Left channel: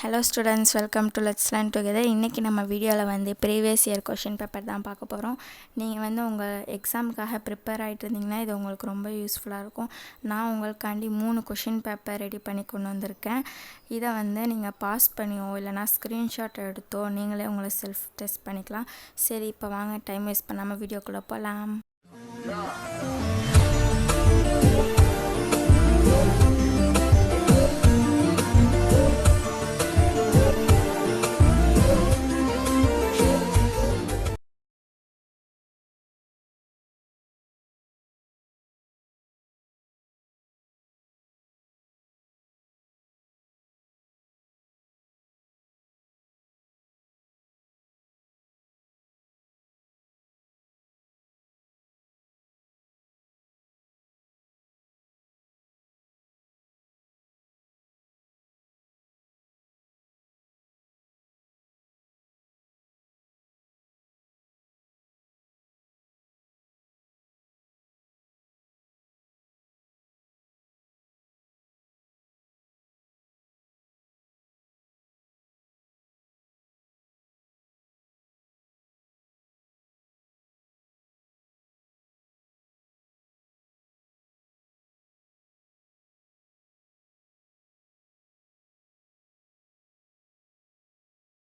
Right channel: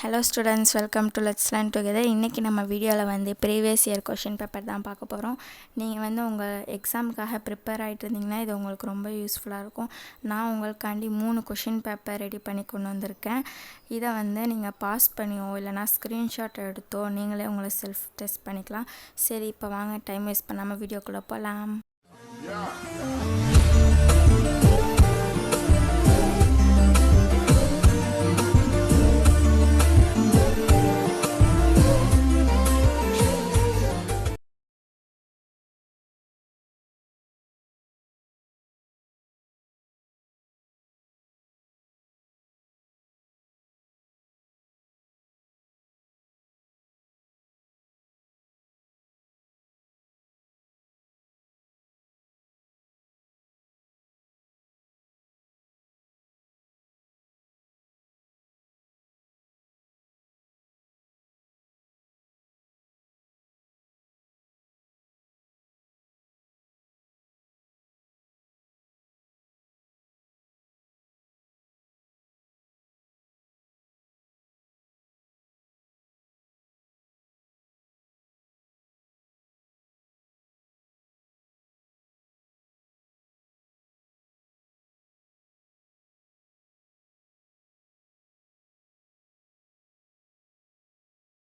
Hello students, welcome to let's learn together. இன்றைக்கி நம்ம வீடியோவில் வந்து ப்ரீவியஸ் இயர் கொஷின் பேப்பர் தான் பார்க்க போகிறோம். நீங்கள் வந்து உங்கள் எக்ஸாமுக்காக ப்ரிப்பேர் ஆகிட்டு இருந்தீங்கன்னா இது உங்களுக்கு ரொம்ப யூஸ்ஃபுல்லாக இருக்கும். நான் உங்களுக்காண்டி 3 கொஷின் பேப்பர் ரெடி பண்ணி கொண்டு வந்திருக்கேன். இதை வந்து நீங்கள் பாஸ் பண்ணியோ இல்லைனா ஸ்க்ரீன்ஷாட் எடுத்தோ நீங்களே உங்களை செல்ஃப் டெஸ்ட் பண்ணிக்கலாம். சரி, இப்போ வாங்க டைம் வேஸ்ட் பண்ணாமல் வீடியோக்குள்ளே போகலாம்.